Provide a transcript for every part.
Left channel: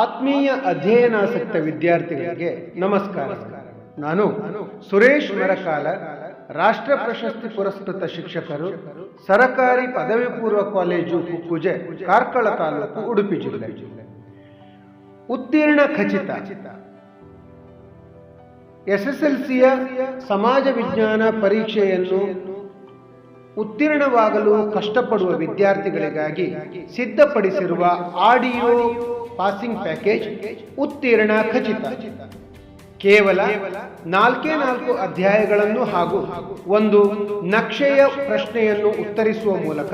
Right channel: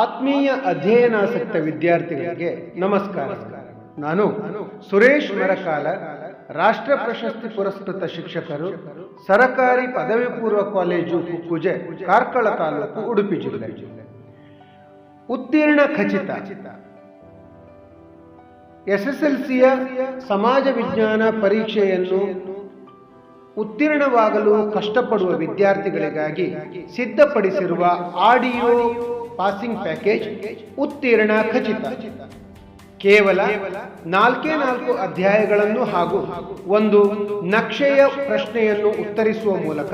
ಆತ್ಮೀಯ ಅಧ್ಯಯನಾಸಕ್ತ ವಿದ್ಯಾರ್ಥಿಗಳಿಗೆ ನಮಸ್ಕಾರ. ನಾನು ಸುರೇಶ್ ಮರಕಾಲ, ರಾಷ್ಟ್ರ ಪ್ರಶಸ್ತಿ ಪುರಸ್ಕೃತ ಶಿಕ್ಷಕರು, ಸರಕಾರಿ ಪದವಿ ಪೂರ್ವ ಕಾಲೇಜು ಕುಕ್ಕುಜೆ, ಕಾರ್ಕಳ ತಾಲೂಕು, ಉಡುಪಿ ಜಿಲ್ಲೆ. ಉತ್ತೀರ್ಣ ಖಚಿತ. ಎಸ್ಎಸ್ಎಲ್ಸಿಯ ಸಮಾಜ ವಿಜ್ಞಾನ ಪರೀಕ್ಷೆಯನ್ನು ಉತ್ತೀರ್ಣವಾಗಲು ಕಷ್ಟಪಡುವ ವಿದ್ಯಾರ್ಥಿಗಳಿಗಾಗಿ ಸಿದ್ಧಪಡಿಸಿರುವ ಆಡಿಯೋ ಪಾಸಿಂಗ್ ಪ್ಯಾಕೇಜ್ ಉತ್ತೀರ್ಣ ಖಚಿತ. ಕೇವಲ 4 ಅಧ್ಯಾಯಗಳನ್ನು ಹಾಗೂ ಒಂದು ನಕ್ಷೆಯ ಪ್ರಶ್ನೆಯನ್ನು ಉತ್ತರಿಸುವ ಮೂಲಕ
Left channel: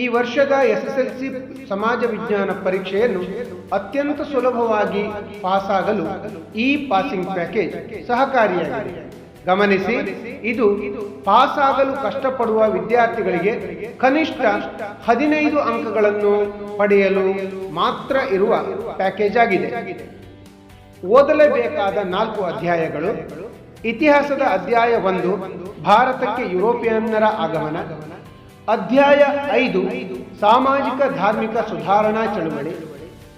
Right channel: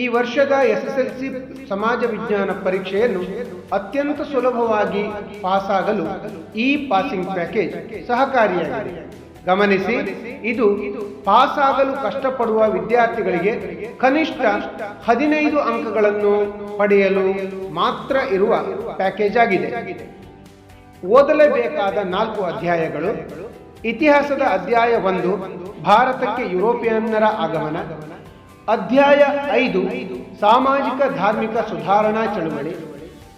ಈ ವರ್ಷದ ಎಸ್ಎಸ್ಎಲ್ಸಿ ಸಮಾಜ ವಿಜ್ಞಾನ ಪರೀಕ್ಷೆಯನ್ನು ಅತ್ಯಂತ ಸುಲಭವಾಗಿ ಪಾಸಾಗಲು ಈ ಪಾಸಿಂಗ್ ಪ್ಯಾಕೇಜ್ ಸಹಕಾರಿಯಾಗಿದೆ. ಗಮನಿಸಿ, ಇದು ಪಾಸಾಗಲು ಕಷ್ಟಪಡುವ ವಿದ್ಯಾರ್ಥಿಗಳಿಗೆ ಕನಿಷ್ಠ 15 ಅಂಕಗಳನ್ನು ಪಡೆಯಲು ಮಾತ್ರ ಇರುವ ಪ್ಯಾಕೇಜ್ ಆಗಿದೆ. ಓದಲೇಬೇಕಾದ 4 ಅಧ್ಯಾಯಗಳು: ಇತಿಹಾಸದ ಅಧ್ಯಾಯ 1, ಭಾರತಕ್ಕೆ ಯುರೋಪಿಯನ್ನರ ಆಗಮನ. ಅಧ್ಯಾಯ 5, ಸಾಮಾಜಿಕ ಧಾರ್ಮಿಕ ಸುಧಾರಣಾ ಚಳುವಳಿ.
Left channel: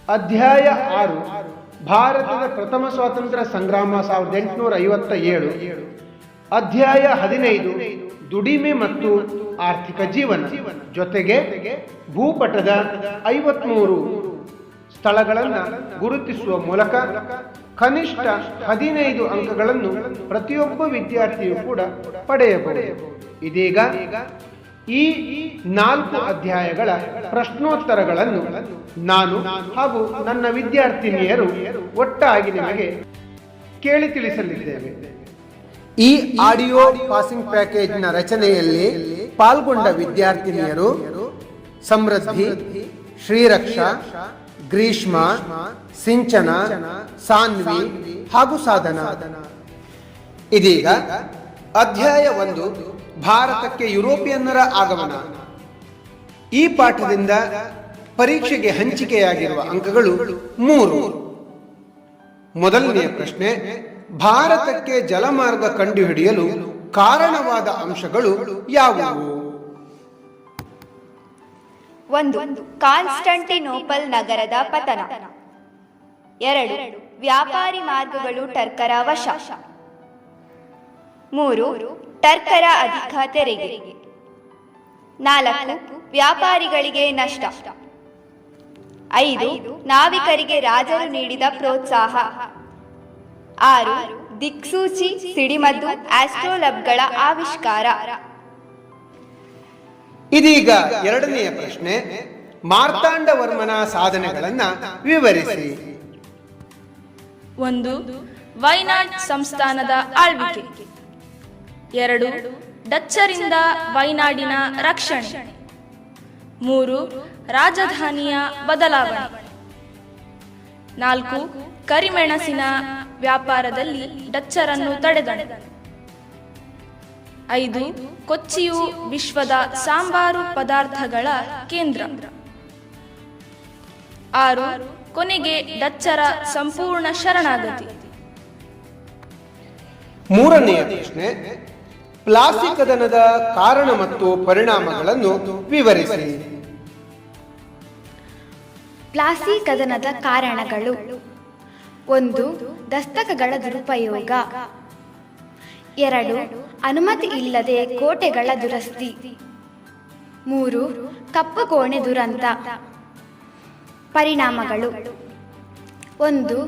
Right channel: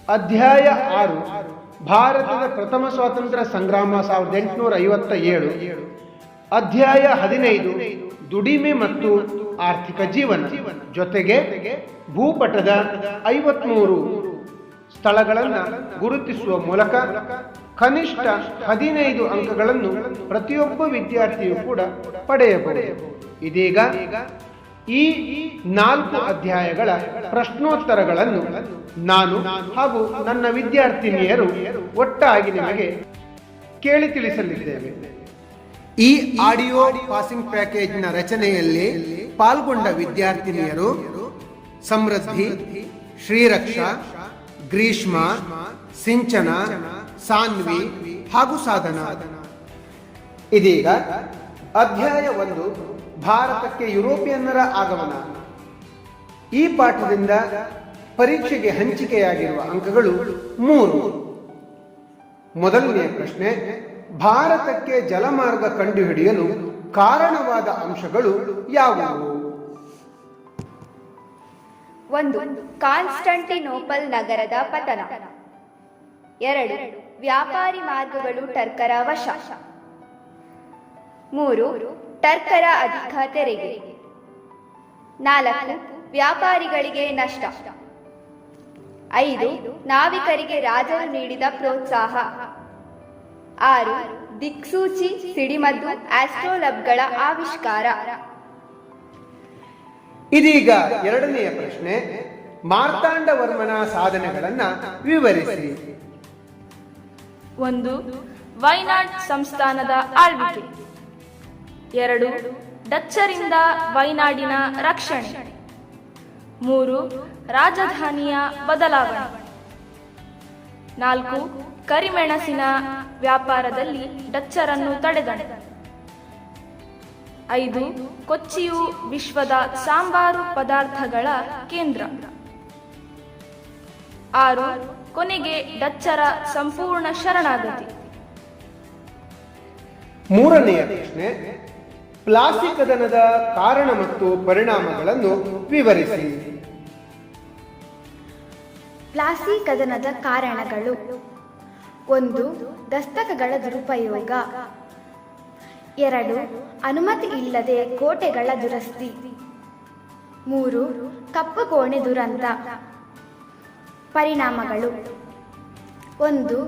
ಅಧ್ಯಾಯ 6, ಭಾರತದ ಪ್ರಥಮ ಸ್ವಾತಂತ್ರ್ಯ ಸಂಗ್ರಾಮ 1857. ಅಧ್ಯಾಯ 15, ದುಡಿಮೆ ಮತ್ತು ಆರ್ಥಿಕ ಜೀವನ. ಜೊತೆಗೆ ಭೂಪಟದ 53 ಸ್ಥಳಗಳನ್ನು ಗುರುತಿಸುವ ಮೂಲಕ ಕನಿಷ್ಠ 15 ಅಂಕಗಳನ್ನು ಪ್ರತಿಯೊಬ್ಬ ವಿದ್ಯಾರ್ಥಿಯು ಕೂಡ ಪಡೆಯಬಹುದು. ಇದೀಗ ಈ 4 ಅಧ್ಯಾಯಗಳ ಪ್ರಶ್ನೋತ್ತರಗಳನ್ನು ನಾನು ಹಾಗೂ ನನ್ನ ವಿದ್ಯಾರ್ಥಿನಿಯರು ಒಟ್ಟಾಗಿ ನಿಮಗೆ ಕೇಳಿ ತಿಳಿಸಲಿದ್ದೇವೆ. ಈ ಆಡಿಯೋ ಪಾಸಿಂಗ್ ಪ್ಯಾಕೇಜ್ನ ರಚನೆಯಲ್ಲಿ ಪಾಲ್ಗೊಂಡ ವಿದ್ಯಾರ್ಥಿನಿಯರು ಸಮೃದ್ಧಿ, ಶ್ರೀರಕ್ಷಾ, ಗ್ರೀಷ್ಮ, ಸಿಂಚನ, ಸಾನ್ವಿ ಹಾಗೂ ಸಾಧನಾ. ಇದೀಗ ಅಧ್ಯಾಯ 1, ಭಾರತಕ್ಕೆ ಯುರೋಪಿಯನ್ನರ ಆಗಮನ. ಈ ಪಾಠದಿಂದ ಪರೀಕ್ಷೆಗೆ ಹಂಚಿಕೆಯಾಗಿರುವ ಅಂಕಗಳು 3. ಮೊದಲನೆಯ ಪ್ರಶ್ನೆ: ಭಾರತಕ್ಕೆ ಜಲಮಾರ್ಗ ಕಂಡುಹಿಡಿಯಲು ಕಾರಣವಾದ ಅಂಶಗಳು ಯಾವುವು? 1. ಕಾನ್ಸ್ಟಂಟಿನೋಪಲ್ ನಗರದ ಪತನ. 2. ವ್ಯಾಪಾರಿ ಮಾರ್ಗಗಳು ಟರ್ಕರ ವಶ. 3. ಟರ್ಕರ ಅಧಿಕ ತೆರಿಗೆ. 4. ವ್ಯಾಪಾರಿಗಳಿಗೆ ನಷ್ಟ. 5. ನಾವಿಕರಿಗೆ ರಾಜರು ನೀಡಿದ ಪ್ರೋತ್ಸಾಹ. 6. ದಿಕ್ಸೂಚಿ, ಸಿಡಿಮದ್ದು, ಆಸ್ಟ್ರೋಲಬ್ಗಳ ಆವಿಷ್ಕಾರ. ಇದೀಗ ಎರಡನೆಯ ಪ್ರಶ್ನೆ: ಮಾರ್ತಾಂಡವರ್ಮನ ಸಾಧನೆಗಳನ್ನು ವಿವರಿಸಿ. 1. ವೈನಾಡ್ ಸಂಸ್ಥಾನದ ಆಳ್ವಿಕೆ. 2. ಡಚ್ಚರಿಂದ ವೈನಾಡಿನ ರಕ್ಷಣೆ. 3. ರಾಜಧಾನಿಯ ಬದಲಾವಣೆ. 4. ಕರಿಮೆಣಸಿನ ವ್ಯಾಪಾರದಲ್ಲಿ ಡಚ್ಚರನ್ನು ತಡೆದನು. 5. ಕೊಚ್ಚಿಯು ವಿಶ್ವದ ಸಾಂಬಾರು ಪದಾರ್ಥಗಳ ಕೇಂದ್ರ. 6. ಕೊನೆಗೆ ಡಚ್ಚರ ಸಂಪೂರ್ಣ ಶರಣಾಗತಿ. ಮೂರನೆಯ ಪ್ರಶ್ನೆ: ಪ್ಲಾಸಿ ಕದನದ ಕಾರಣ ಮತ್ತು ಪರಿಣಾಮಗಳನ್ನು ವಿವರಿಸಿ. ಪ್ಲಾಸಿ ಕದನದ ಕಾರಣಗಳು: 1. ದಸ್ತಕಗಳ ದುರುಪಯೋಗ. 2. ಅನುಮತಿ ಇಲ್ಲದೆ ಕೋಟೆಗಳ ದುರಸ್ತಿ. 3. ಕಪ್ಪುಕೋಣೆ ದುರಂತ. ಪರಿಣಾಮಗಳು: 1.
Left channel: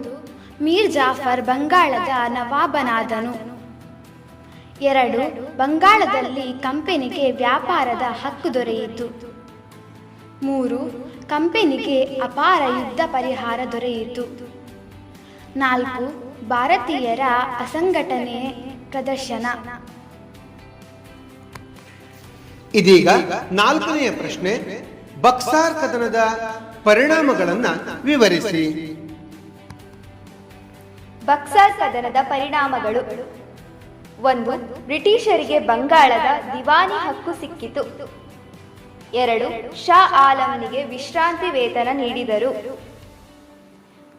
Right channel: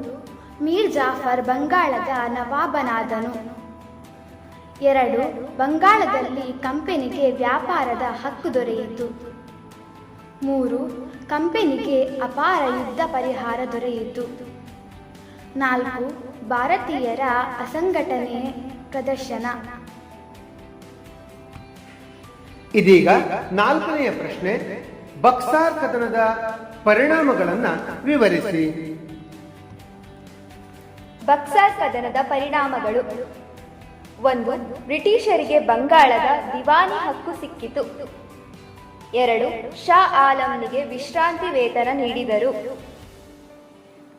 ಮೀರ್ ಜಾಫರ್ ಬಂಗಾಳದ ನವಾಬನಾದನು. 2. ಬಂಗಾಳದಲ್ಲಿ ಕಂಪನಿಗೆ ವ್ಯಾಪಾರದ ಹಕ್ಕು ದೊರೆಯಿತು. 3. ಕಂಪನಿಗೆ ಅಪಾರ ಯುದ್ಧ ಪರಿಹಾರ ದೊರೆಯಿತು. 4. ಭಾರತೀಯರ ಅಸಂಘಟನೆ ಪ್ರದರ್ಶನ. ಇದೀಗ 4ನೆಯ ಪ್ರಶ್ನೆ: ಬಕ್ಸಾರ್ ಕದನದ ಪರಿಣಾಮಗಳನ್ನು ವಿವರಿಸಿ. ಬಕ್ಸಾರ್ ಕದನದ ಪರಿಣಾಮಗಳು: 1. ಬ್ರಿಟಿಷರಿಗೆ ಬಂಗಾಳದ ದಿವಾನಿ ಹಕ್ಕು ಸಿಕ್ಕಿತು. 2. ಶಾ ಆಲಂನಿಗೆ ವಿಶ್ರಾಂತಿ ವೇತನ ನೀಡಿದರು.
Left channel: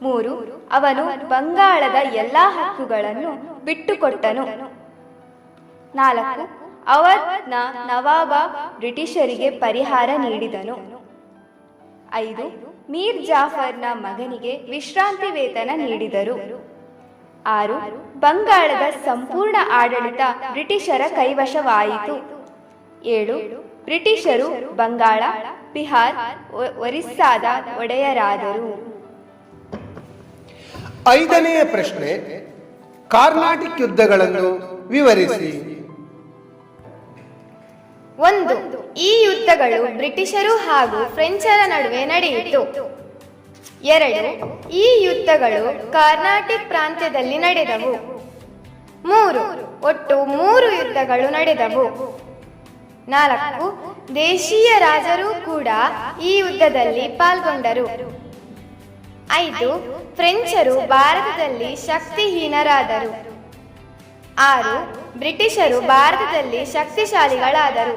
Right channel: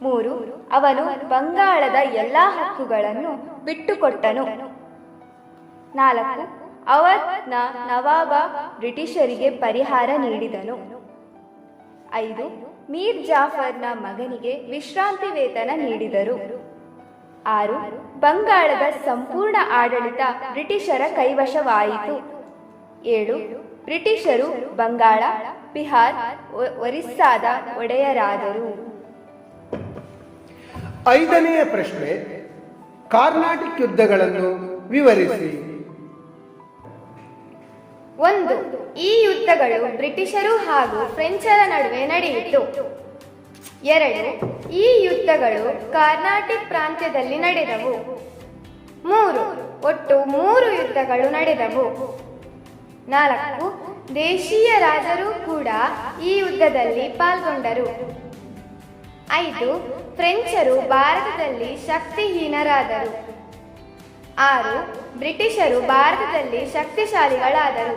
3. ಅವನು ಬಂಗಾಳದ ಎಲ್ಲಾ ಹಕ್ಕುಗಳನ್ನು ಬಿಟ್ಟುಕೊಟ್ಟನು. 4. ಅವಧ್ನ ನವಾಬ ಬ್ರಿಟಿಷರಿಗೆ ಪರಿಹಾರ ನೀಡಿದನು. 5. ಮೀರ್ ಜಾಫರ್ನ ಮಗನಿಗೆ ವಿಶ್ರಾಂತಿ ವೇತನ ನೀಡಿದರು. 6. ಬಂಗಾಳದ ಸಂಪೂರ್ಣ ಆಡಳಿತ ಬ್ರಿಟಿಷರ ಕೈವಶವಾಯಿತು. 7. ಬ್ರಿಟಿಷರು ಬಂಗಾಳ, ಬಿಹಾರ್, ಒರಿಸ್ಸಾದ ಒಡೆಯರಾದರು. 5ನೇ ಪ್ರಶ್ನೆ, ಕಾರ್ನಾಟಿಕ್ ಯುದ್ಧಗಳನ್ನು ವಿವರಿಸಿ. 1. ಈ ಯುದ್ಧಗಳು ಬ್ರಿಟಿಷರು ಹಾಗೂ ಫ್ರೆಂಚರ ನಡುವೆ ನಡೆಯಿತು. 2. ಈ ಯುದ್ಧಗಳು ಕರ್ನಾಟಿಕ್ ಪ್ರಾಂತ್ಯದಲ್ಲಿ ನಡೆದವು. 3. ಒಟ್ಟು 3 ಯುದ್ಧಗಳು ನಡೆದವು. 4. ದೇಶೀಯ ರಾಜರು ಕೂಡ ಈ ಯುದ್ಧದಲ್ಲಿ ಪಾಲ್ಗೊಂಡರು. 5. ಫ್ರೆಂಚರು ಭಾರತದಲ್ಲಿ ಶಕ್ತಿಹೀನರಾದರು. 6. ಬ್ರಿಟಿಷರು ಭಾರತದಲ್ಲಿ ಶಕ್ತಿಶಾಲಿಗಳಾದರು.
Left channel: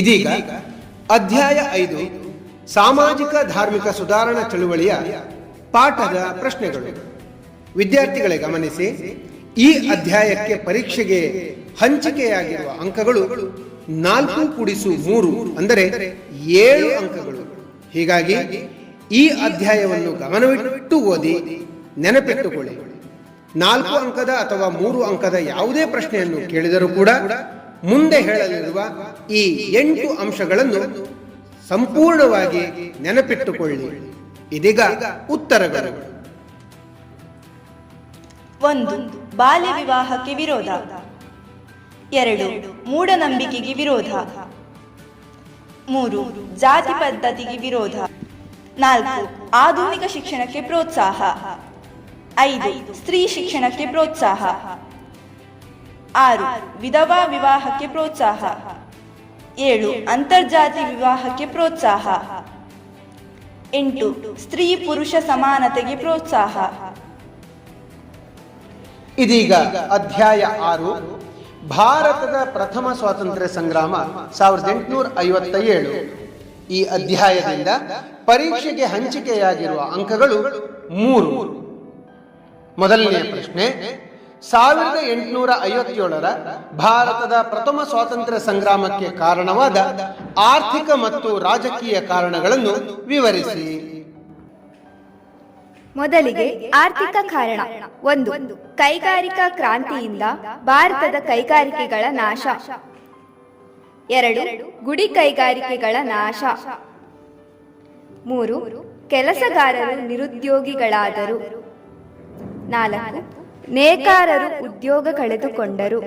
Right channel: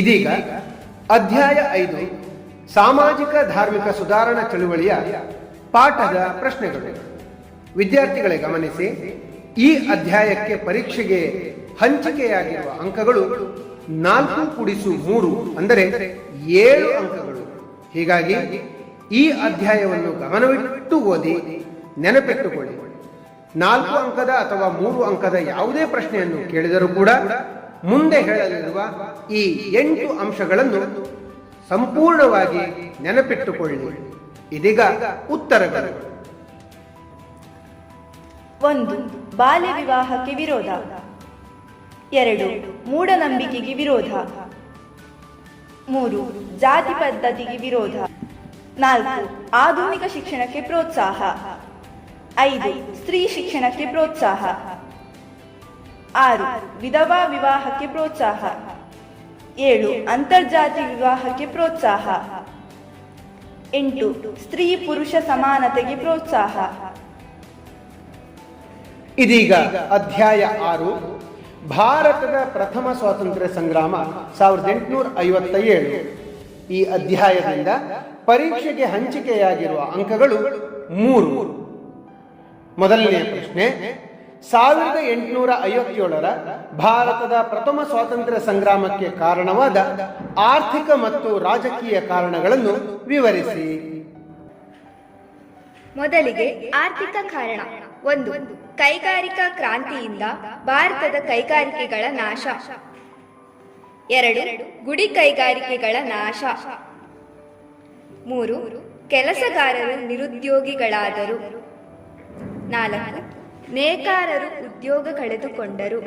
ಇದೀಗ ಅಧ್ಯಾಯ 5 ಸಾಮಾಜಿಕ ಧಾರ್ಮಿಕ ಸುಧಾರಣಾ ಚಳುವಳಿಯ ಪಾಠದ ಪ್ರಶ್ನೆಗಳು. ವಿದ್ಯಾರ್ಥಿಗಳೇ ಗಮನಿಸಿ, ಈ ಅಧ್ಯಾಯಕ್ಕೆ ಪರೀಕ್ಷೆಗೆ ಹಂಚಿಕೆಯಾಗಿರುವ ಅಂಕಗಳು 4+3 ಅಂದರೆ 7 ಅಂಕಗಳು. ಹೀಗಾಗಿ ಈ ಅಧ್ಯಾಯವನ್ನು ಗಮನವಿಟ್ಟು ಓದಿ ನೆನಪಿಟ್ಟುಕೊಳ್ಳಿ. 4 ಅಂಕದ ಅಥವಾ 3 ಅಂಕದ ಯಾವುದೇ ಪ್ರಶ್ನೆಯನ್ನು ಕೇಳಿದರೂ ಕೂಡ ಮುಂದೆ ಹೇಳಲಿರುವ ಈ 8 ಅಂಶಗಳನ್ನು ಸಂಪೂರ್ಣವಾಗಿ ನೆನಪಿಟ್ಟುಕೊಳ್ಳಿ. ಇದೀಗ ಉತ್ತರಗಳು. 1. ಬಾಲ್ಯ ವಿವಾಹಕ್ಕೆ ವಿರೋಧ. 2. ಮೂಢನಂಬಿಕೆಗೆ ವಿರೋಧ. 3. ಜಾತಿ ಪದ್ಧತಿಗೆ ವಿರೋಧ. 4. ಆಧುನಿಕ ಶಿಕ್ಷಣಕ್ಕೆ ಪ್ರೋತ್ಸಾಹ. 5. ಸ್ತ್ರೀ ಶಿಕ್ಷಣಕ್ಕೆ ಪ್ರೋತ್ಸಾಹ. 6. ವಿಧವಾ ವಿವಾಹಕ್ಕೆ ಪ್ರೋತ್ಸಾಹ. 7. ಅಂತರ್ಜಾತಿ ವಿವಾಹಕ್ಕೆ ಪ್ರೋತ್ಸಾಹ. 8. ಸ್ತ್ರೀ ಪುರುಷ ಸಮಾನತೆಗೆ ಪ್ರೋತ್ಸಾಹ. ಇದೀಗ ಅಧ್ಯಾಯ 6 ಭಾರತದ ಪ್ರಥಮ ಸ್ವಾತಂತ್ರ್ಯ ಸಂಗ್ರಾಮ 1857. ಈ ಅಧ್ಯಾಯದಿಂದ ಪರೀಕ್ಷೆಗೆ ಹಂಚಿಕೆಯಾಗಿರುವ ಅಂಕಗಳು 3. ಮೊದಲನೆಯ ಪ್ರಶ್ನೆ, 1857ರ ಭಾರತದ ಪ್ರಥಮ ಸ್ವಾತಂತ್ರ್ಯ ಸಂಗ್ರಾಮಕ್ಕೆ ಕಾರಣವಾದ ಆರ್ಥಿಕ ಮತ್ತು ರಾಜಕೀಯ ಕಾರಣಗಳನ್ನು ವಿವರಿಸಿ. ಮೊದಲಿಗೆ ಆರ್ಥಿಕ ಕಾರಣ. 1. ಕೈಗಾರಿಕಾ ಕ್ರಾಂತಿಯಿಂದ ಭಾರತದ ಕೈಗಾರಿಕೆಗಳ ನಾಶ. 2. ಗುಡಿ ಕೈಗಾರಿಕೆಗಳ ನಾಶ. 3. ಕೆಲಸಗಾರರು ನಿರುದ್ಯೋಗಿಗಳಾದರು. 4. ನೇಕಾರರು ಉದ್ಯೋಗ ಕಳೆದುಕೊಂಡರು.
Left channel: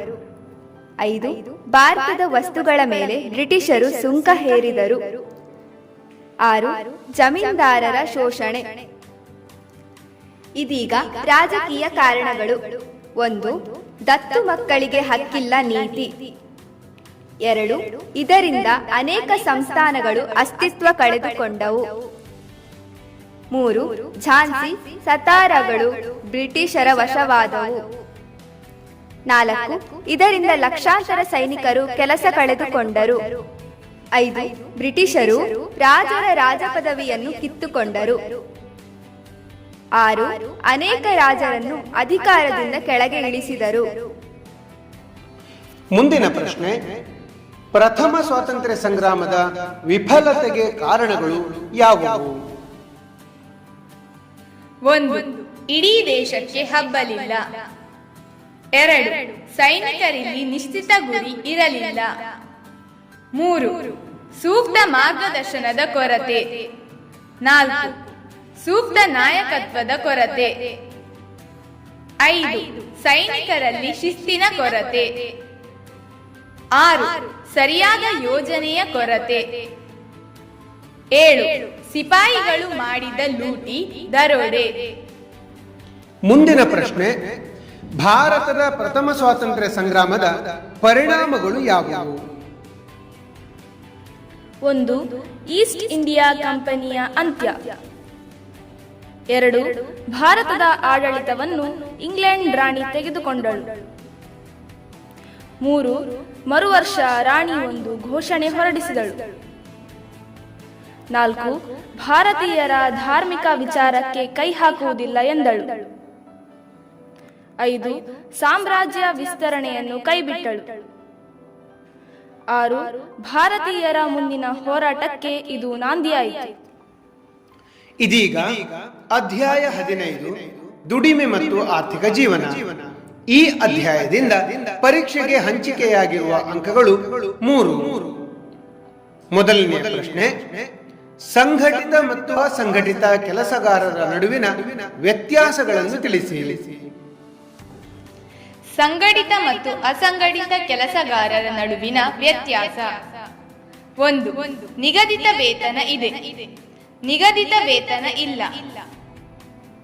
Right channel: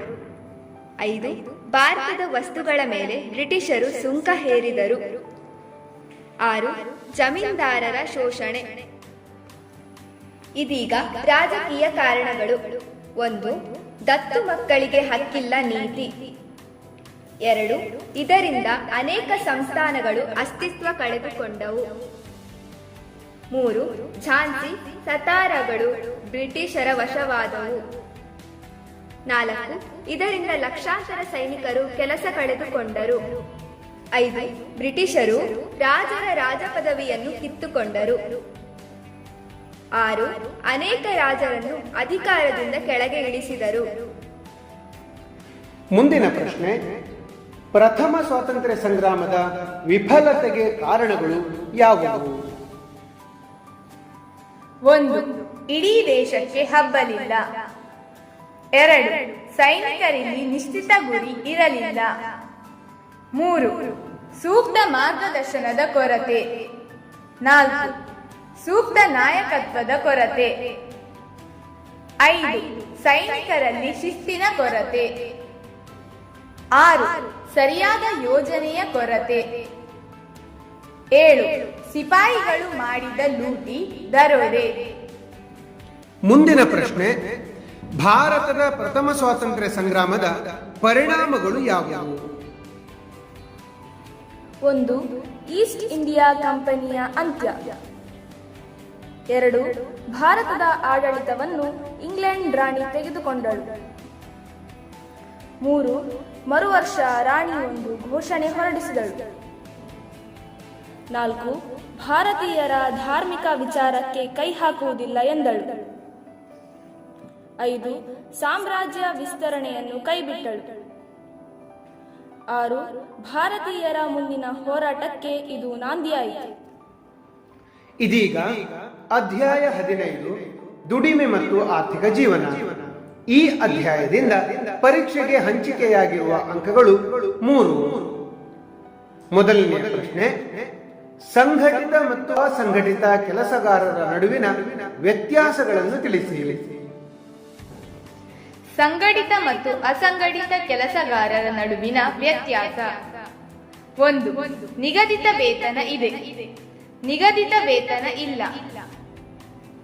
5. ಭಾರತದ ವಸ್ತುಗಳ ಮೇಲೆ ಬ್ರಿಟಿಷರು ಸುಂಕ ಹೇರಿದರು. 6. ಜಮೀನ್ದಾರರ ಶೋಷಣೆ. ಇದೀಗ ರಾಜಕೀಯ ಕಾರಣಗಳು. 1. ದತ್ತು ಮಕ್ಕಳಿಗೆ ಹಕ್ಕಿಲ್ಲ ನೀತಿ. 2. ಇದರಿಂದ ಅನೇಕ ಸಂಸ್ಥಾನಗಳು ಅಸ್ತಿತ್ವ ಕಳೆದುಕೊಂಡವು. 3. ಝಾನ್ಸಿ, ಸತಾರಗಳು ಬ್ರಿಟಿಷರ ವಶವಾದವು. 4. ಇದರಿಂದ ಲಕ್ಷಾಂತರ ಸೈನಿಕರು ಕೆಲಸ ಕಳೆದುಕೊಂಡರು. 5. ಬ್ರಿಟಿಷರು ರಾಜರ ರಾಜಪದವಿಯನ್ನು ಕಿತ್ತುಕೊಂಡರು. 6. ಅನೇಕ ರಾಜರನ್ನು ಅಧಿಕಾರದಿಂದ ಕೆಳಗೆ ಇಳಿಸಿದರು. ಮುಂದಿನ ಪ್ರಶ್ನೆ, ಪ್ರಥಮ ಸ್ವಾತಂತ್ರ್ಯ ಸಂಗ್ರಾಮದ ವಿಫಲತೆಗೆ ಕಾರಣಗಳು ಯಾವುವು? 1. ಇಡೀ ದೇಶಕ್ಕೆ ಹಬ್ಬಲಿಲ್ಲ. 2. ಸೈನಿಕರಲ್ಲಿ ನಿಶ್ಚಿತ ಗುರಿ ಇರಲಿಲ್ಲ. 3. ಸೂಕ್ತ ಮಾರ್ಗದರ್ಶನದ ಕೊರತೆ. 4. ಸೂಕ್ತ ನಾಯಕತ್ವದ ಕೊರತೆ. 5. ಸೈನಿಕರಲ್ಲಿ ಶಿಸ್ತಿನ ಕೊರತೆ. 6. ಸರಿಯಾದ ಯೋಜನೆಯ ಕೊರತೆ. 7. ಸಿಪಾಯಿಗಳು ಮಾಡಿದ ಲೂಟಿ, ದರೋಡೆ. ಮುಂದಿನ ಪ್ರಶ್ನೆ, ಭಾರತದ ಪ್ರಥಮ ಸ್ವಾತಂತ್ರ್ಯ ಸಂಗ್ರಾಮದ ಪರಿಣಾಮಗಳು ಯಾವುವು? 1. ಈಸ್ಟ್ ಇಂಡಿಯಾ ಕಂಪನಿಯ ಅಂತ್ಯ. 2. ಭಾರತದ ಆಡಳಿತವನ್ನು ಇಂಗ್ಲೆಂಡ್ ರಾಣಿ ತೆಗೆದುಕೊಂಡಳು. 3. ಮರುವರ್ಷ ರಾಣಿ ಒಂದು ಘೋಷಣೆ ಹೊರಡಿಸಿದಳು. 4. ಭಾರತೀಯರ ಧಾರ್ಮಿಕ ವಿಚಾರಕ್ಕೆ ಕೈ ಹಾಕುವುದಿಲ್ಲ ಎಂದಳು. 5. ಸಾಮ್ರಾಜ್ಯ ವಿಸ್ತರಣೆಯನ್ನು ಕೈಬಿಟ್ಟಳು. 6. ಭಾರತೀಯರ ಮುಂದಿನ ಹೋರಾಟಕ್ಕೆ ಇದು ನಾಂದಿಯಾಯಿತು. ಇದೀಗ ಅಧ್ಯಾಯ 15 ದುಡಿಮೆ ಮತ್ತು ಆರ್ಥಿಕ ಜೀವನ. ಈ ಅಧ್ಯಾಯದಿಂದ ಪರೀಕ್ಷೆಗೆ ಹಂಚಿಕೆಯಾಗಿರುವ ಅಂಕಗಳು 3. ಮೊದಲನೆಯ ಪ್ರಶ್ನೆ, ಸಂಘಟಿತ ಮತ್ತು ಅಸಂಘಟಿತ ಕೆಲಸಗಾರರ ನಡುವಿನ ವ್ಯತ್ಯಾಸಗಳನ್ನು ತಿಳಿಸಿ. ಸಂಘಟಿತ ಮತ್ತು ಅಸಂಘಟಿತ ಕೆಲಸಗಾರರ ನಡುವಿನ ವ್ಯತ್ಯಾಸ. 1. ನಿಗದಿತ ವೇತನ ಇದೆ, ನಿಗದಿತ ವೇತನ ಇಲ್ಲ.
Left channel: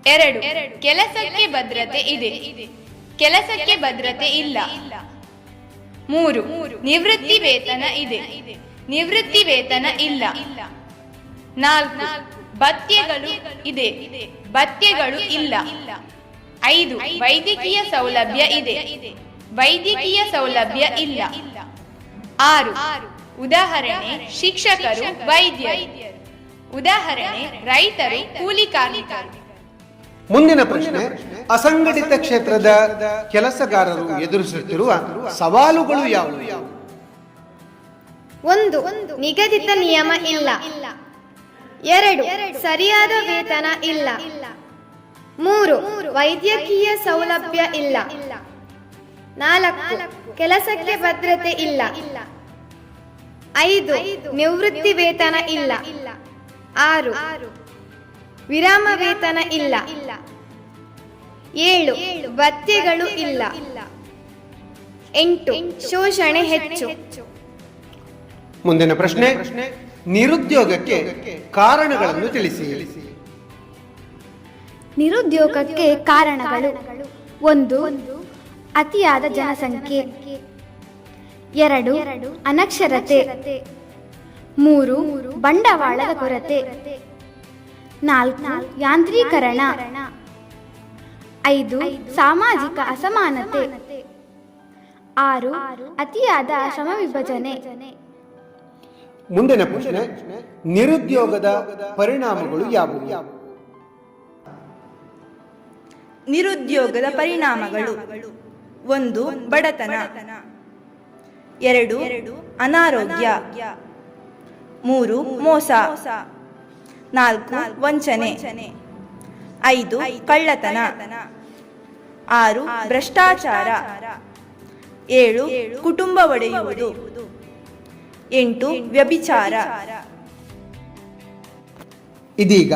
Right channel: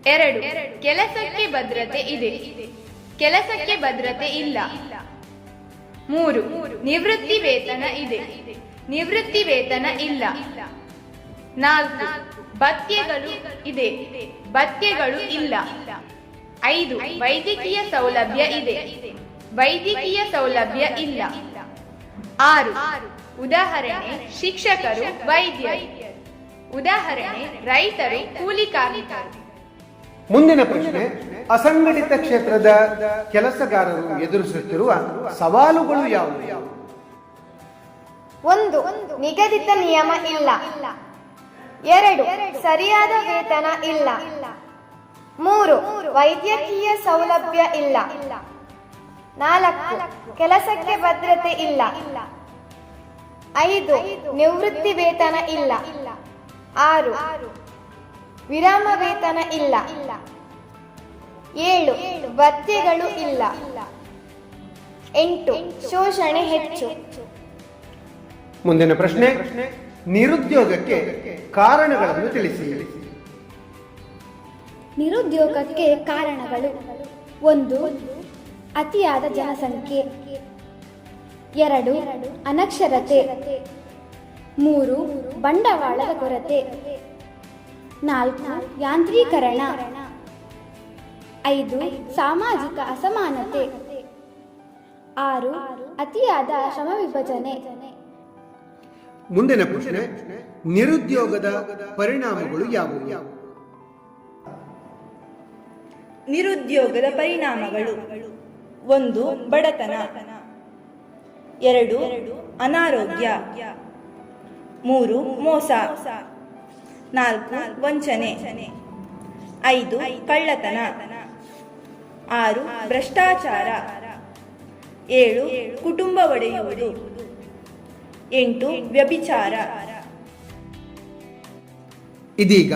2. ಕೆಲಸಕ್ಕೆ ಭದ್ರತೆ ಇದೆ, ಕೆಲಸಕ್ಕೆ ಭದ್ರತೆ ಇಲ್ಲ. 3. ನಿವೃತ್ತಿ ವೇತನ ಇದೆ, ನಿವೃತ್ತಿ ವೇತನ ಇಲ್ಲ. 4. ಭತ್ಯೆಗಳು ಇದೆ, ಭತ್ಯೆಗಳು ಇಲ್ಲ. 5. ವೈದ್ಯಕೀಯ ಸೌಲಭ್ಯ ಇದೆ, ವೈದ್ಯಕೀಯ ಸೌಲಭ್ಯ ಇಲ್ಲ. 6. ಉದಾಹರಣೆ ಶಿಕ್ಷಕರು, ವೈದ್ಯರು. ಉದಾಹರಣೆ ರೈತರು, ಕೂಲಿ ಕಾರ್ಮಿಕರು. ಮುಂದಿನ ಪ್ರಶ್ನೆ, ಅಸಂಘಟಿತ ಕ್ಷೇತ್ರದ ಕೆಲಸಗಾರರು ಎದುರಿಸುತ್ತಿರುವ ಸವಾಲುಗಳು ಯಾವುವು? 1. ನಿಗದಿತ ನಿಯಮ ಇಲ್ಲ. 2. ಸರಿಯಾದ ವೇತನ ಇಲ್ಲ. 3. ವೈದ್ಯಕೀಯ ಸೌಲಭ್ಯ ಇಲ್ಲ. 4. ಕೆಲಸಕ್ಕೆ ಭದ್ರತೆ ಇಲ್ಲ. 5. ನಿವೃತ್ತಿ ವೇತನ ಇಲ್ಲ. 6. ವಿರಾಮ ವೇತನ ಇಲ್ಲ. 7. ಭತ್ಯೆಗಳು ಇಲ್ಲ. 8. ಶೋಷಣೆ ಹೆಚ್ಚು. ಮುಂದಿನ ಪ್ರಶ್ನೆ, ನಿರುದ್ಯೋಗಕ್ಕೆ ಕಾರಣಗಳನ್ನು ತಿಳಿಸಿ. ನಿರುದ್ಯೋಗಕ್ಕೆ ಕಾರಣಗಳು: 1. ಅತಿಯಾದ ಜನಸಂಖ್ಯೆ. 2. ಅನಕ್ಷರತೆ. 3. ಬಂಡವಾಳದ ಕೊರತೆ. 4. ಯಾಂತ್ರೀಕರಣ. 5. ಸಾಮಾಜಿಕ ಅಸಮಾನತೆ. 6. ಅತಿಯಾದ ಶ್ರಮ ವಿಭಜನೆ. ಮುಂದಿನ ಪ್ರಶ್ನೆ, ನಿರುದ್ಯೋಗದ ಪರಿಣಾಮಗಳು ಯಾವುವು? ನಿರುದ್ಯೋಗದ ಪರಿಣಾಮಗಳು: 1. ಬಡತನ. 2. ಅನಾರೋಗ್ಯ. 3. ಮೋಸ. 4. ವಂಚನೆ. 5. ಕಳ್ಳತನ. 6. ಭ್ರಷ್ಟಾಚಾರ. 7. ಕುಟುಂಬ ಒಡೆಯುವುದು. 8. ವ್ಯಭಿಚಾರ. ಇದೀಗ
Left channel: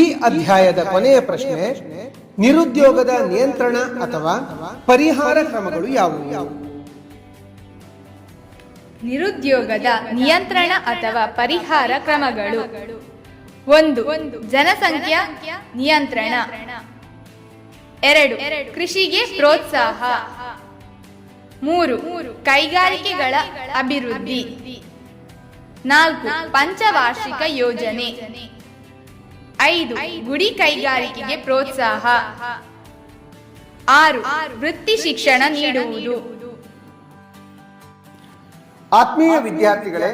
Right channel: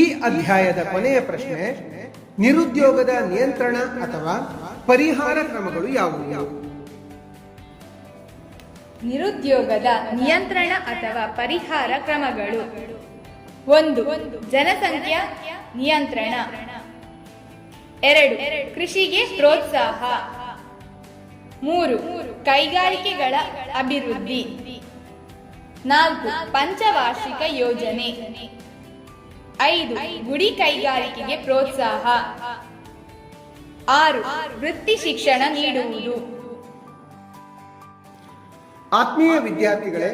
ಈ ಅಧ್ಯಾಯದ ಕೊನೆಯ ಪ್ರಶ್ನೆ, ನಿರುದ್ಯೋಗದ ನಿಯಂತ್ರಣ ಅಥವಾ ಪರಿಹಾರ ಕ್ರಮಗಳು ಯಾವುವು? ನಿರುದ್ಯೋಗದ ನಿಯಂತ್ರಣ ಅಥವಾ ಪರಿಹಾರ ಕ್ರಮಗಳು. 1. ಜನಸಂಖ್ಯಾ ನಿಯಂತ್ರಣ. 2. ಕೃಷಿಗೆ ಪ್ರೋತ್ಸಾಹ. 3. ಕೈಗಾರಿಕೆಗಳ ಅಭಿವೃದ್ಧಿ. 4. ಪಂಚವಾರ್ಷಿಕ ಯೋಜನೆ. 5. ಗುಡಿ ಕೈಗಾರಿಕೆಗೆ ಪ್ರೋತ್ಸಾಹ. 6. ವೃತ್ತಿ ಶಿಕ್ಷಣ ನೀಡುವುದು. ಆತ್ಮೀಯ ವಿದ್ಯಾರ್ಥಿಗಳೇ,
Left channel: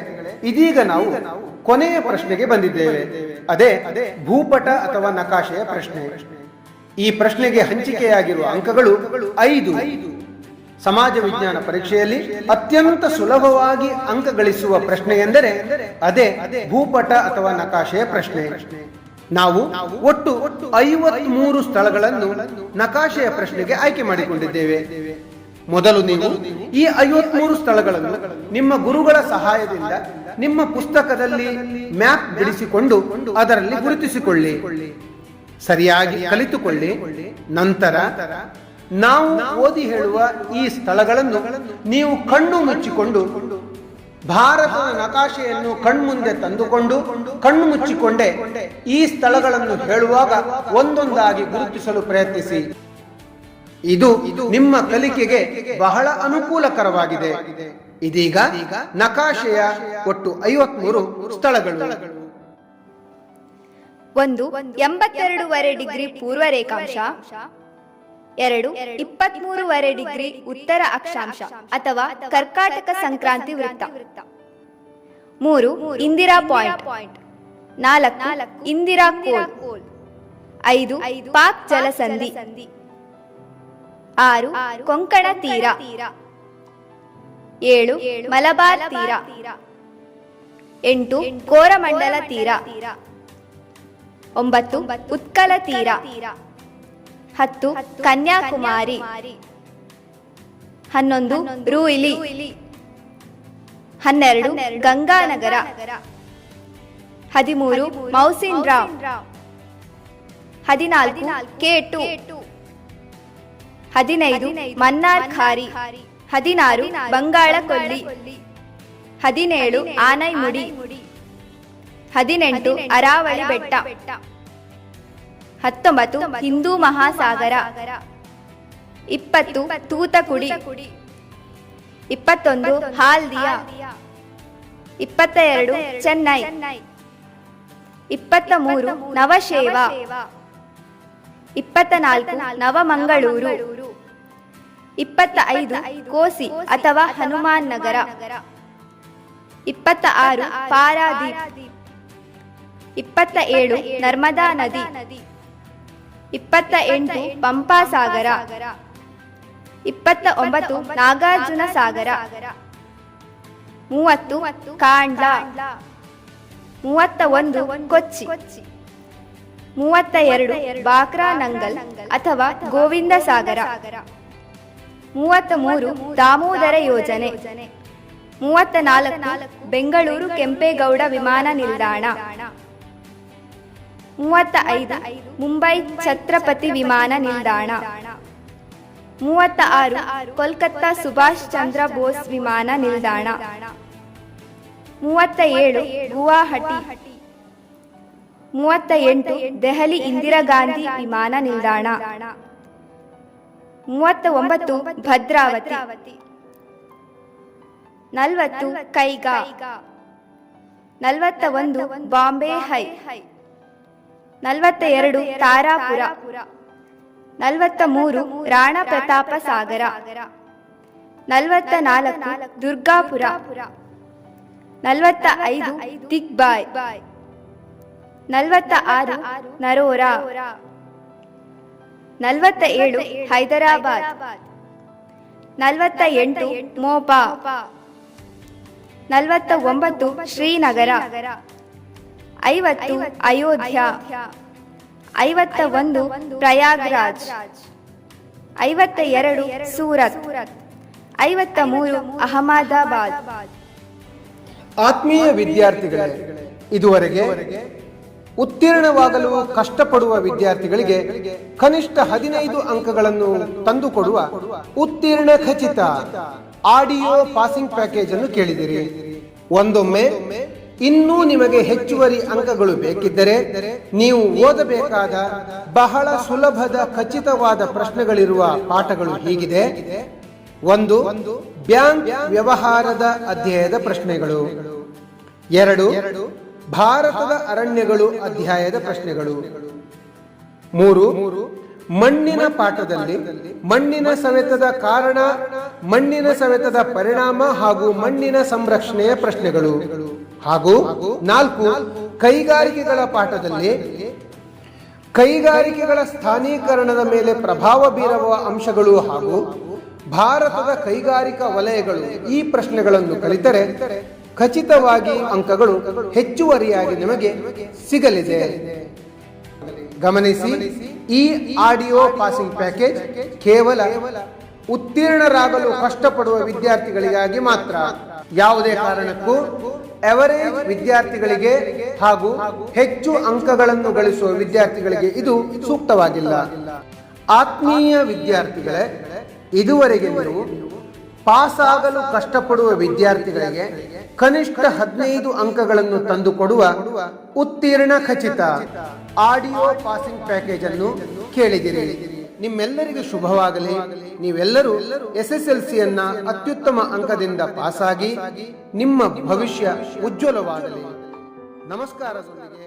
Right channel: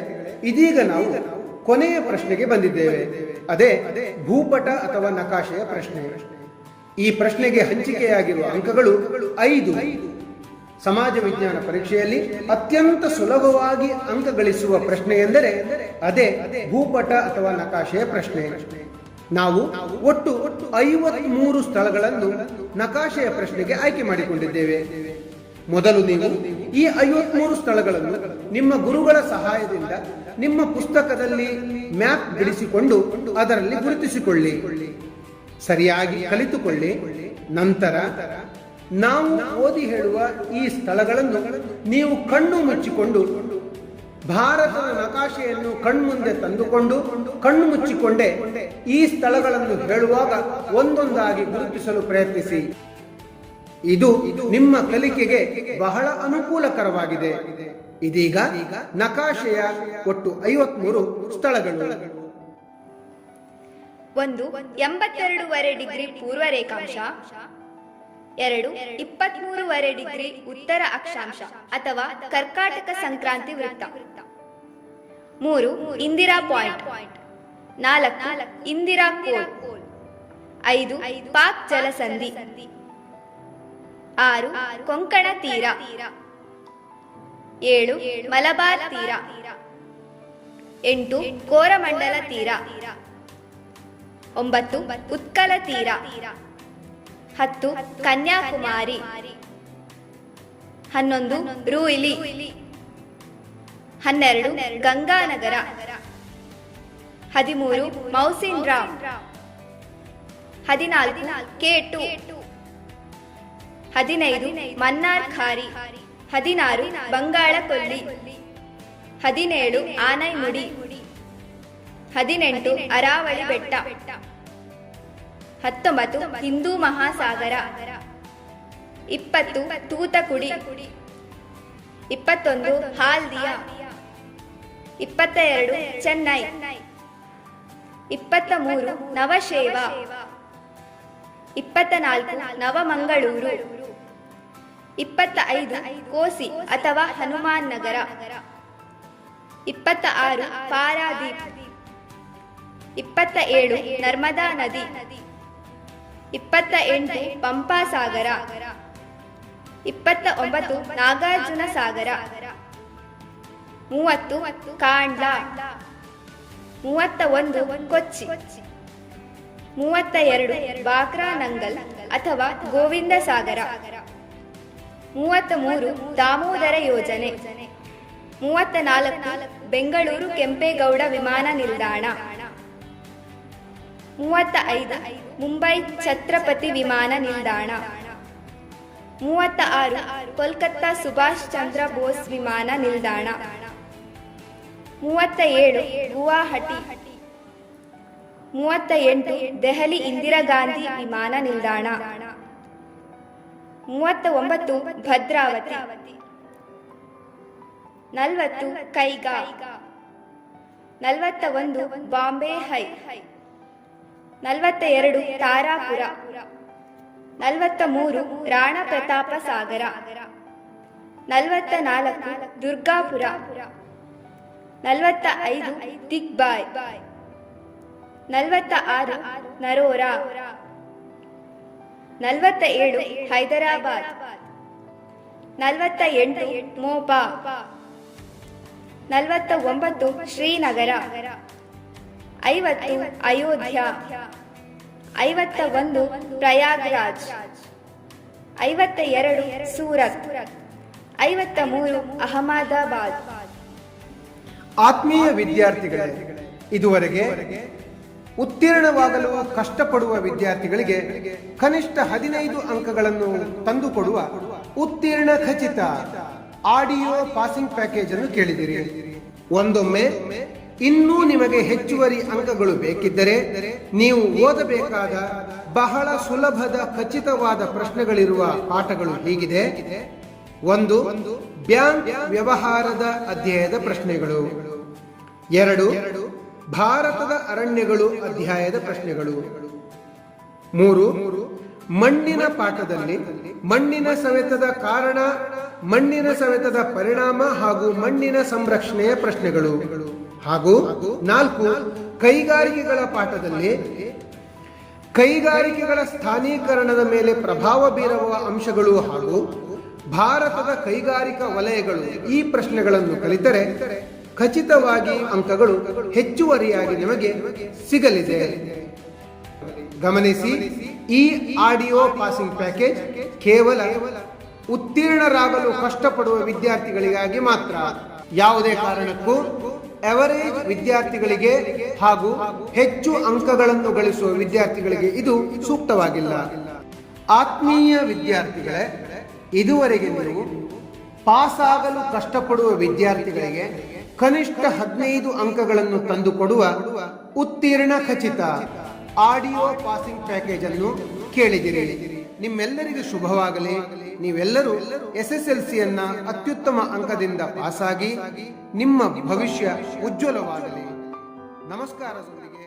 ಇದೀಗ ನಾವು ಕೊನೆಯ ಪ್ರಶ್ನೆಗೆ ಬಂದಿದ್ದೇವೆ. ಅದೇ ಭೂಪಟ ಅಥವಾ ನಕಾಶೆಯ ಪ್ರಶ್ನೆ. ಈ ಪ್ರಶ್ನೆಗೆ ಹಂಚಿಕೆಯಾಗಿರುವ ಅಂಕಗಳು 5. ಸಮಾಜ ವಿಜ್ಞಾನ ಪರೀಕ್ಷೆಯಲ್ಲಿ ಅತ್ಯಂತ ಸುಲಭವಾಗಿ ಅಂಕ ಗಳಿಸುವ ಪ್ರಶ್ನೆ ಎಂದರೆ ಅದೇ ಭೂಪಟ ಅಥವಾ ನಕಾಶೆಯ ಪ್ರಶ್ನೆ. ನಾವು ಒಟ್ಟು 53 ಸ್ಥಳಗಳನ್ನು ನಕಾಶೆಯ ಪ್ರಶ್ನೆಗೆ ಆಯ್ಕೆ ಮಾಡಿಕೊಂಡಿದ್ದೇವೆ. ಮೊದಲು ನೀವು ಈ 53 ಸ್ಥಳಗಳನ್ನು ನಿಮ್ಮ ಗುರುಗಳ ಸಹಾಯದಿಂದ ನಿಮ್ಮ ಪುಸ್ತಕದಲ್ಲಿ ಮ್ಯಾಪ್ ಬಿಡಿಸಿಕೊಂಡು ಅದರಲ್ಲಿ ಗುರುತಿಸಿಕೊಳ್ಳಿ, ಸರಿಯಾಗಿ ಕಲಿತುಕೊಳ್ಳಿ. ನಂತರ ನಾವು ಓದಿ ಹೇಳುವ ಈ ಸ್ಥಳಗಳನ್ನು ನೀವು ಕಣ್ಣು ಮುಚ್ಚಿಕೊಂಡು ಭಾರತದ ನಕಾಶೆಯನ್ನು ಕಣ್ಮುಂದೆ ತಂದುಕೊಂಡು ಕಣ್ಣು ಮುಚ್ಚಿಕೊಂಡೇ ಈ ಸ್ಥಳಗಳನ್ನು ಹೇಳುವಾಗ ಒಂದೊಂದಾಗಿ ಗುರುತಿಸಲು ಪ್ರಯತ್ನಿಸಿ. ಇದು ನಿಮ್ಮ ಕಲಿಕೆಗೆ ಬಹಳ ಅನುಕೂಲಕರವಾಗಿದೆ. ಇದೀಗ ನಕಾಶೆಯ ಒಟ್ಟು 53 ಸ್ಥಳಗಳು. 1. 82.5 ಡಿಗ್ರಿ ಪೂರ್ವ ರೇಖಾಂಶ. 2. 23.5 ಡಿಗ್ರಿ ಉತ್ತರ ಅಕ್ಷಾಂಶ ಅಥವಾ ಕರ್ಕಾಟಕ ಸಂಕ್ರಾಂತಿ ವೃತ್ತ. 3. ಇಂದಿರಾ ಪಾಯಿಂಟ್. 4. ಇಂದಿರಾ ಕೋಲ್. 5. ಪಾಕ್ ಜಲಸಂಧಿ. 6. ಕೊಂಕಣ ತೀರ. 7 ಮಲಬಾರ್ ತೀರ, 8 ಕೋರಮಂಡಲ ತೀರ, 9 ಉತ್ಕಲ ತೀರ, 10 ಕನ್ಯಾಕುಮಾರಿ, 11 ರೂಯಿಲಿ, 12 ಗಂಗಾನಗರ, 13 ಮೌಸಿನ್ ರಾಮ್, 14 K2, 15 ಮನ್ನಾರ್ ಖಾರಿ, 16 ಬಂಗಾಳ ಕೊಲ್ಲಿ, 17 ಆನೈಮುಡಿ, 18 ಅರಾವಳಿ ಬೆಟ್ಟ, 19 ಹಿಂದೂ ಮಹಾಸಾಗರ, 20 ತೂತಕುಡಿ, 21 ಹಾಲ್ದಿಯಾ, 22 ಚೆನ್ನೈ, 23 ನವಶೇವ, 24 ನವಮಂಗಳೂರು, 25 ಕೋಸಿ ಅಥವಾ ಹನುಮಾನ್ ನಗರ, 26 ಪಾರಾದೀಪ್, 27 ನರ್ಮದಾ ನದಿ, 28 ಪಂಪಾ ಸಾಗರ, 29 ನಾಗಾರ್ಜುನ ಸಾಗರ, 30 ಕಾಂಡ್ಲಾ, 31 ಕೊಚ್ಚಿ, 32 ಬಾಕ್ರಾ ನಂಗಲ್ ಅಥವಾ ಗೋವಿಂದ ಸಾಗರ, 33 ದಾಮೋದರ ಯೋಜನೆ, 34 ಬೆಂಗಳೂರು ಕೆಂಪೇಗೌಡ ವಿಮಾನ ನಿಲ್ದಾಣ, 35 ಮುಂಬೈ ಛತ್ರಪತಿ ವಿಮಾನ ನಿಲ್ದಾಣ, 36 ಕೋಲ್ಕತ್ತಾ ಸುಭಾಷ್ ಚಂದ್ರ ಬೋಸ್ ವಿಮಾನ ನಿಲ್ದಾಣ, 37 ಗುವಾಹಟಿ, 38 ದೆಹಲಿ ಇಂದಿರಾ ಗಾಂಧಿ ವಿಮಾನ ನಿಲ್ದಾಣ, 39 ಭದ್ರಾವತಿ, 40 ಕೈಗಾ, 41 ಬಾಂಬೆ ಹೈ, 42 ತಾರಾಪುರ, 43 ರಾಣಾ ಪ್ರತಾಪ ಸಾಗರ, 44 ದುರ್ಗಾಪುರ, 45 ದಿಗ್ಬಾಯ್, 46 ನರೋರಾ, 47 ಹೈದರಾಬಾದ್, 48 ಮೋಪಾ, 49 ಶ್ರೀನಗರ, 50 ಅಯೋಧ್ಯ, 51 ಪ್ರಯಾಗ್ರಾಜ್, 52 ಸೂರತ್, 53 ಅಹಮದಾಬಾದ್. ಆತ್ಮೀಯ ವಿದ್ಯಾರ್ಥಿಗಳೇ, ಇದುವರೆಗೆ ಉತ್ತೀರ್ಣವಾಗಲು ಕಷ್ಟಪಡುವ ವಿದ್ಯಾರ್ಥಿಗಳಿಗೆ ಕನಿಷ್ಠ 15 ಅಂಕಗಳನ್ನು ತಂದುಕೊಡುವ ಉತ್ತೀರ್ಣ ಖಚಿತ ಆಡಿಯೋ ಪಾಸಿಂಗ್ ಪ್ಯಾಕೇಜ್ ಅನ್ನು ಕೇಳಿದಿರಿ. ಒಂದೊಮ್ಮೆ ಇನ್ನೂ ನಿಮಗೆ ಹೆಚ್ಚುವರಿ ಅಂಕಗಳು ಬೇಕಿದ್ದರೆ ನೀವು ಓದಬೇಕಾದ ಬಹಳ ಸುಲಭದ ಖಚಿತವಾದ ಪ್ರಶ್ನೆಗಳಿರುವ ಪಾಠಗಳು ಹೀಗಿದೆ. 1 ಬ್ಯಾಂಕ್ ವ್ಯವಹಾರದ ಅಧ್ಯಾಯದ ಪ್ರಶ್ನೆಗಳು, 2 ಭಾರತದ ಅರಣ್ಯಗಳು ಅಧ್ಯಾಯದ ಪ್ರಶ್ನೆಗಳು, 3 ಮಣ್ಣಿನ ಪಾಠದಲ್ಲಿ ಮಣ್ಣಿನ ಸವೆತದ ಕಾರಣ, ಮಣ್ಣಿನ ಸವೆತದ ಪರಿಣಾಮ ಹಾಗೂ ಮಣ್ಣಿನ ಸಂರಕ್ಷಣೆಯ ಪ್ರಶ್ನೆಗಳು, ಹಾಗೂ 4 ಕೈಗಾರಿಕೆಗಳ ಪಾಠದಲ್ಲಿ ಕೈಗಾರಿಕೆಗಳ ಸ್ಥಾನೀಕರಣದ ಮೇಲೆ ಪ್ರಭಾವ ಬೀರುವ ಅಂಶಗಳು ಹಾಗೂ ಭಾರತದ ಕೈಗಾರಿಕಾ ವಲಯಗಳು. ಈ ಪ್ರಶ್ನೆಗಳನ್ನು ಕಲಿತರೆ ಖಚಿತವಾಗಿ ಅಂಕಗಳು ಹೆಚ್ಚುವರಿಯಾಗಿ ನಿಮಗೆ ಸಿಗಲಿದೆ. ಗಮನಿಸಿ, ಈ ಆಡಿಯೋ ಪಾಸಿಂಗ್ ಪ್ಯಾಕೇಜ್ ಕೇವಲ ಉತ್ತೀರ್ಣರಾಗಲು ಕಷ್ಟಪಡುವ ವಿದ್ಯಾರ್ಥಿಗಳಿಗಾಗಿ ಮಾತ್ರ. ಯಾವುದೇ ಕಾರಣಕ್ಕೂ ಎವರೇಜ್ ವಿದ್ಯಾರ್ಥಿಗಳಿಗೆ ಹಾಗೂ ಹೆಚ್ಚು ಅಂಕಗಳನ್ನು ಗಳಿಸುವ ವಿದ್ಯಾರ್ಥಿಗಳಿಗೆ ಇದು ಸೂಕ್ತವಾಗಿಲ್ಲ. ಆತ್ಮೀಯ ವಿದ್ಯಾರ್ಥಿಗಳೇ, ಇದುವರೆಗೆ ನೀವು ಪಾಸ್ ಆಗಲು ಕಷ್ಟಪಡುವ ವಿದ್ಯಾರ್ಥಿಗಳಿಗೆ ಕನಿಷ್ಠ 15 ಅಂಕಗಳನ್ನು ತಂದುಕೊಡುವ ಉತ್ತೀರ್ಣ ಖಚಿತ ಆಡಿಯೋ ಪಾಸಿಂಗ್ ಪ್ಯಾಕೇಜ್ ಅನ್ನು ಕೇಳಿದಿರಿ. ನಿಮ್ಮೆಲ್ಲರಿಗೂ ಶುಭವಾಗಲಿ. ನೀವೆಲ್ಲರೂ SSLCಯನ್ನ ಅತ್ಯುತ್ತಮ ಅಂಕದಿಂದ ಪಾಸಾಗಿ ನಿಮ್ಮ ಭವಿಷ್ಯ ಉಜ್ವಲವಾಗಲಿ. ನಮಸ್ಕಾರದೊಂದಿಗೆ